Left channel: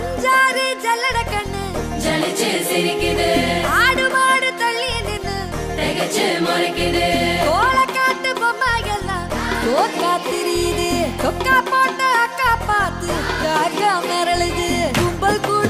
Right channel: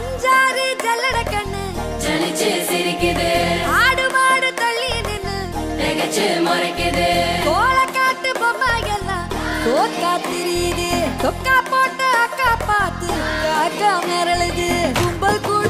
அஞ்சாறு ஜல்லட கண்ணு ஆடு மாடு தள்ளி நின்னு கோல காட்டு பொம்மை எல்லாம் தோக்கா திரியுது தொக்கா போட்ட அக்கா பார்த்து காக்கா மிரளுது கும்பல் கூட